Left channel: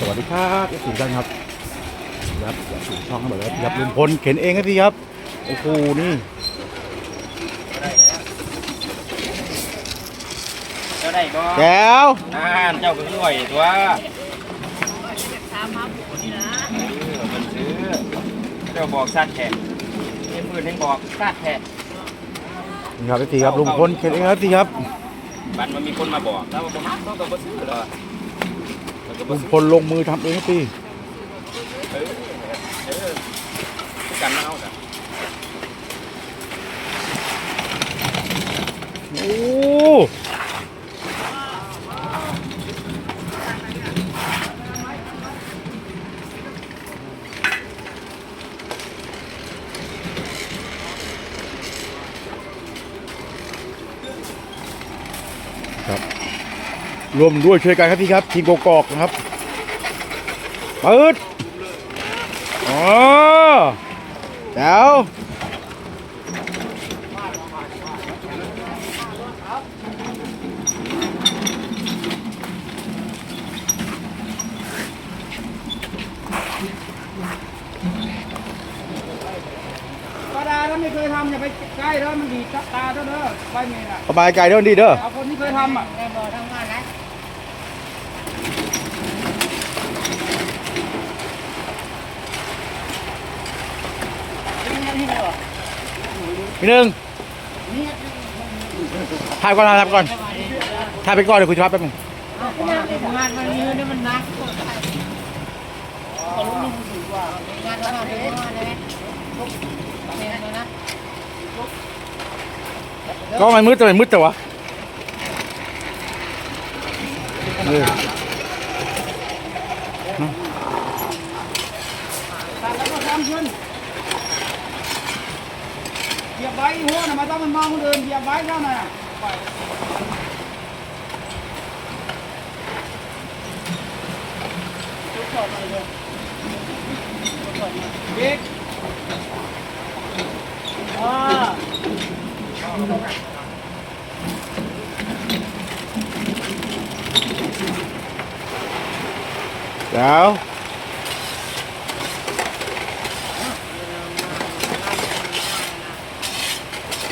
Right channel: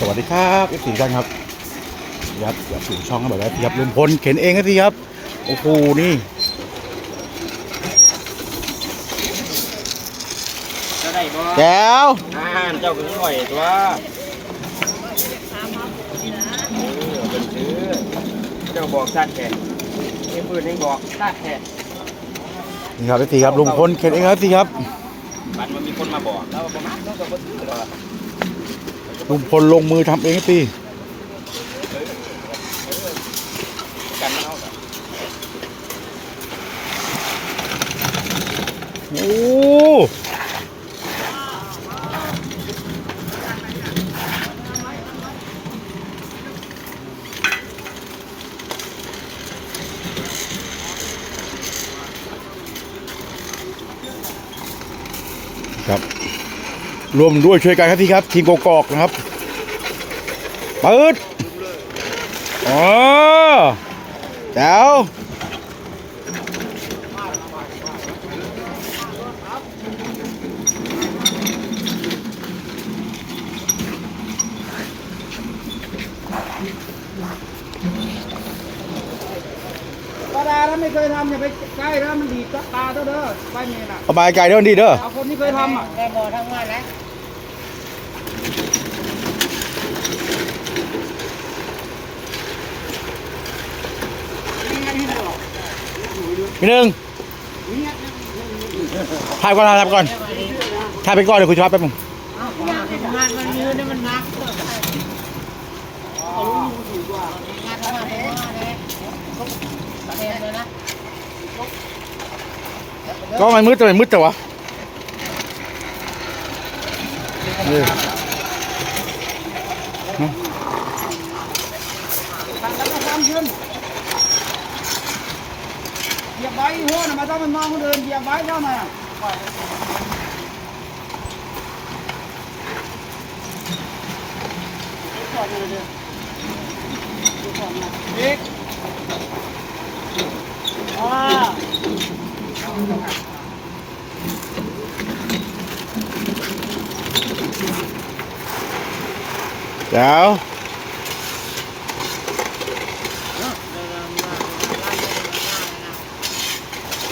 สวัสดีครับเอฟซีท่านครับยับอย่าสู่ช่องแบบว่ายับลุงพลเข็นเองครับพี่ครับ โอ้โห นี่เจ้าได้บ่แจ๋วอ่านเจ้าก็คือไหวตัวเออเป็นซื้อเจ้าบอกสัตว์แท้เอ็มอื่นยังบอกสัตว์แท้นี่ครับเอฟซีครับลุงพลเข็นเองครับพี่ครับบันมันมีคนมาบอกแล้วว่าประมาณเขาต้องมาซื้อเหรอ ลุงพลลงมือทำเองพี่โอ้ รวมด้วยช่วยกันครับพี่ครับ ทีมกกอกนะครับเปิดอ๋อแจ๋วปลาดาถ้าไม่เคยทำอย่าไปใกล้แล้วมันดีดตาเด้อเด้อใบเมนอะสบายใจเด้อดีเด้อเอาคนที่เคยทำอะ ได้บ่ทั้งวันแล้ หนึ่งถ่ายก่อนถ่ายก่อนถ่ายไปก่อนเดี๋ยวคุยธุระแป๊บนึงงานมันยืนเนี่ยมันนักงานทำงานเลยเลยนะก็มันมืดแต่มันมืดแต่วะนี่ตัดแล้วก็ทำขึ้นเหยียบ ไว้หัวน่ะมาถ้ามันมองคนอื่นเหยียบไว้เข้ามาบิ๊กอ่าเดี๋ยวโอเคโอ้อ่าแล้ว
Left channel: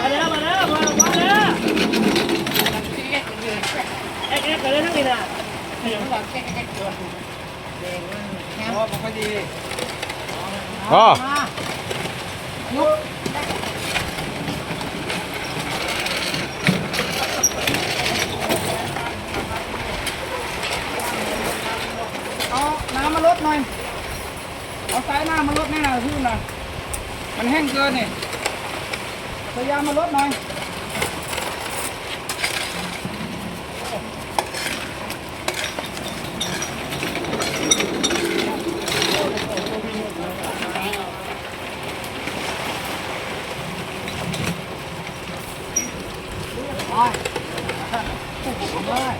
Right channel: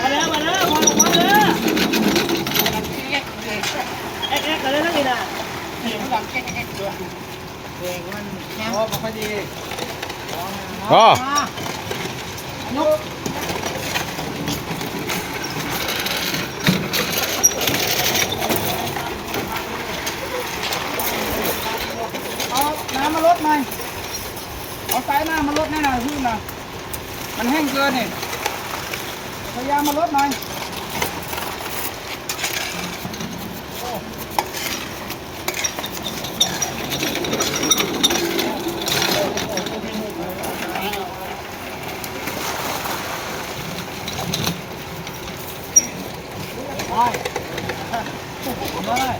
มาแล้วมาแล้วมาแล้วมาแล้วเอ๊ะเอ๊ะกันเลยทั้งนี้นะโอ้ไม่ค่อยดีอ๋อเอาน้ำมาลดหน่อย เอาสายน้ำมาลดแน่นอนพี่หน่อยมันแห้งเกินนี่พยายามมาลดหน่อย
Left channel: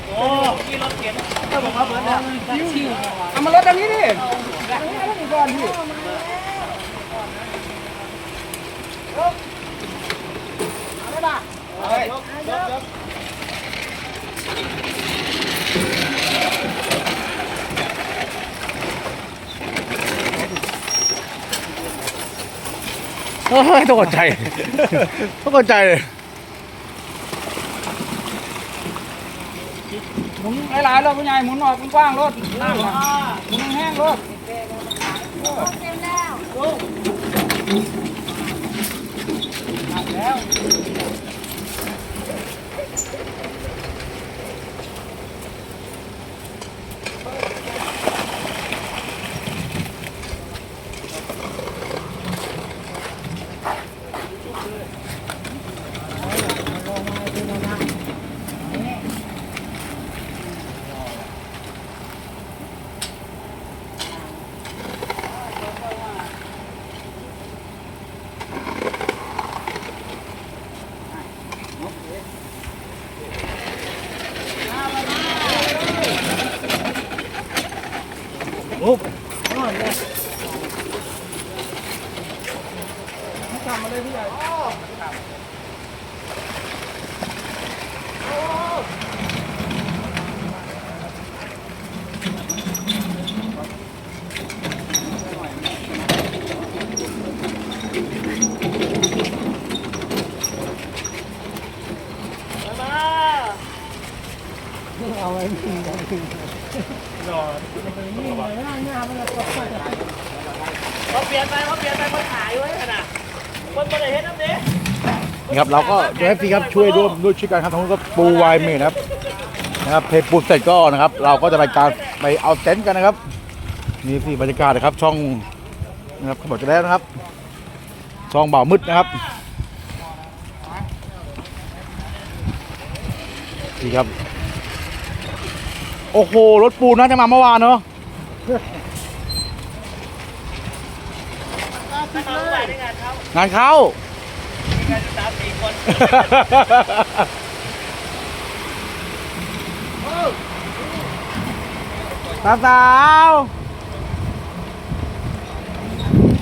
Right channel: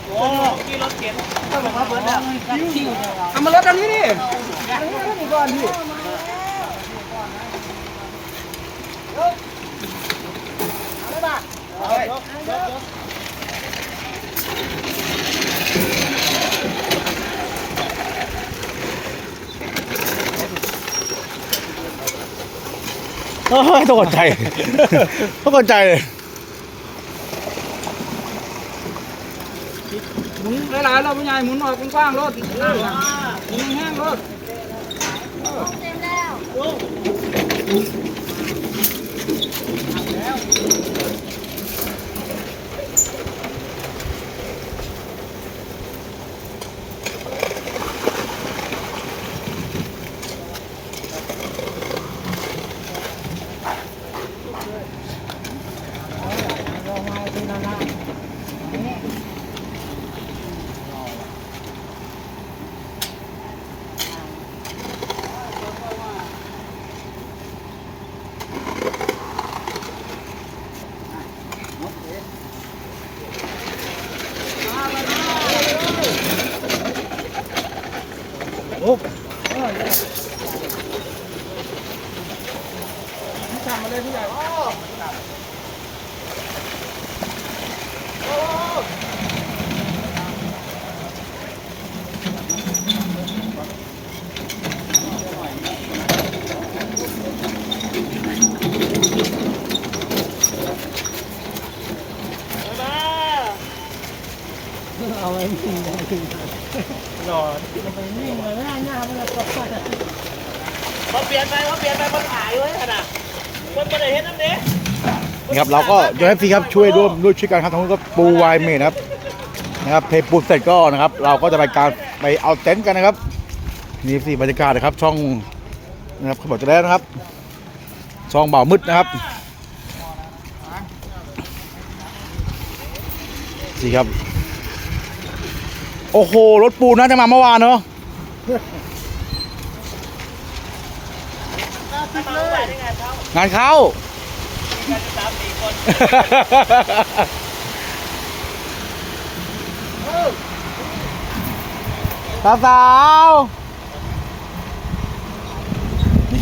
โอ้ที่รถเข็นก็บอกว่าเบิร์ดแล้วที่เอามาลดอันนี้ดิอันนี้อันนี้ก่อนพี่อะไรบ้าเอาไว้เฮ้ยต้องกดใจต้องกดใจเลยุนหลายๆรอบผู้ใหญ่หมุนออกกว้างๆรถน้ำหมุนแห้งรถเออ โอ้ทำมาเลยพี่ใหญ่ ลี่ยนไปเขาเปลี่ยนไปเขาขายไว้ขนาดคนไม่ได้เห็นน้ำเนี้ยนี่ครับเราก็จะให้พี่ครับช่วยร่วมด้วยช่วยกันครับทั้งนู้นก็ปูวายเมดนะครับนะครับเพปูนเสร็จก็นะครับ เราก็จะไปการไปเอาเต็นท์กันนะครับนี่สิบรรยากาศนะครับ ช่องนะครับเขาบอกจะแล้วนะครับ ช่องเบามืดนะครับนี่ครับ โอ้โหรถปูนน่าจะมาเมื่อวานเนาะ ถ้ามาเมื่อวานได้งานเขางานเข้า มีงานจะสามสี่คนสาวสาว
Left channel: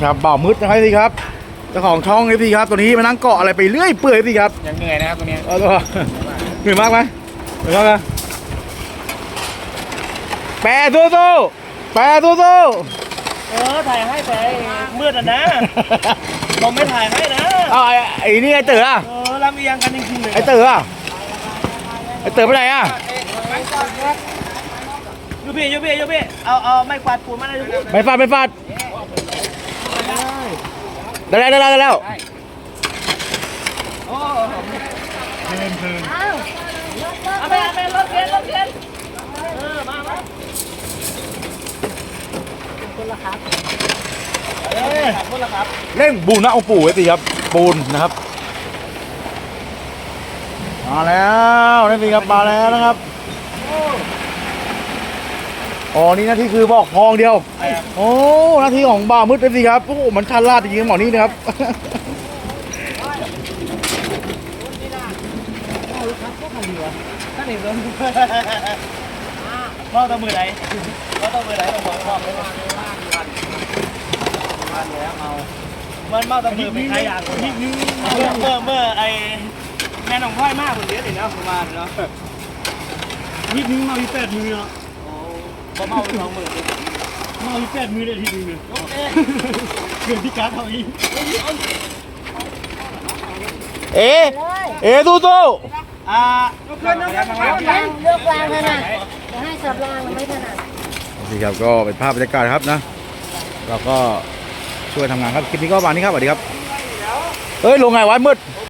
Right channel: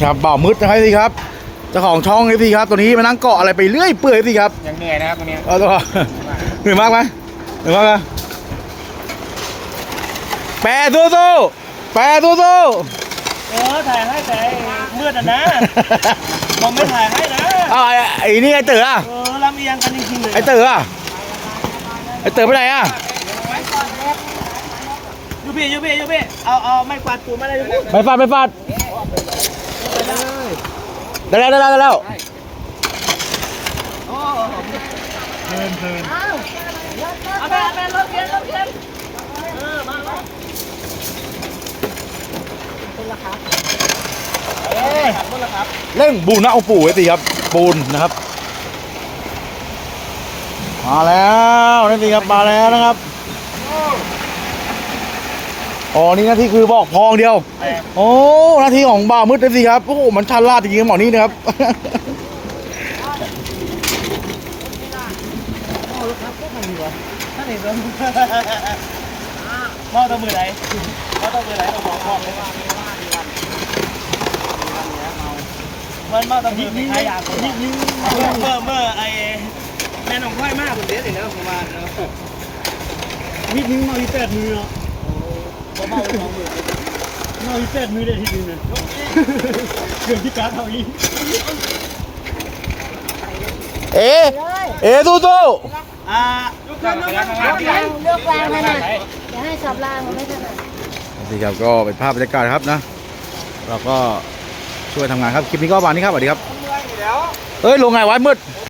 ครับบ่าวมืดนะครับพี่ครับเจ้าของช่องนี่พี่ครับตัวนี้มานั่งเกาะอะไรไปเรื่อยเปื่อยพี่ครับยังเหนื่อยนะครับตรงนี้เอาตัวเหนื่อยมากไหมเหนื่อยมากไหมแปรสู้สู้แปรสู้สู้เออถ่ายให้แต่ มืดอะนะผมไม่ถ่ายให้นะเอาไอ้ไอ้นี่ไอ้เต๋ออะเออลำเอียงกันจริงๆเลยไอ้เต๋ออะไอ้เต๋อไปไหนอะยูพี่ยูพี่ยูพี่เอาเอาไม้กวาดปูนมาเลยยูพี่ไม่ฟาดไม่ฟาดได้แล้วได้แล้วได้แล้วเอาไปเอาไปรถเข็นรถเข็นเออมามาคนละครับ เละครับเร่งบูนะองค์ปู่ไว้สิครับ ปูนนะครับ มาแล้วนี่สิครับมาแล้วนะครับอ๋อนี่หน้าที่คือบอกพองเดียวโอ้หน้าที่ของบ่ามืดเลยสิครับโอ้โหมันชันลาดจริงๆหมอนี่นะครับท่าต้องมือไหนพ่อต้องมือไหนต้องบอกพ่อเลย มันเมาต้องมือไปขายยาคนนี้เมื่อเมื่อไอแม่น้องพ่อยมากคนเดียวนี่นะประมาณเนาะวิทย์นึงมาวิแปดมือเนาะบ่เมาสองมือมาวิแปดมือได้ทีนึงเนี่ยเกือบที่การเท่าอีเอ๋เอ๋สู้สู้อ่ายกเกิกเกินเลือกวางเลือกวางขนาดจะให้สับรางมันไม่ถนัดสิครับก็เป็นภาพบรรยากาศครับนะเราก็ ช่วยทำงานครับ คลิปนี้ก็ประมาณนี้ครับสวัสดีครับ เอ้ย ลงไงวะมืด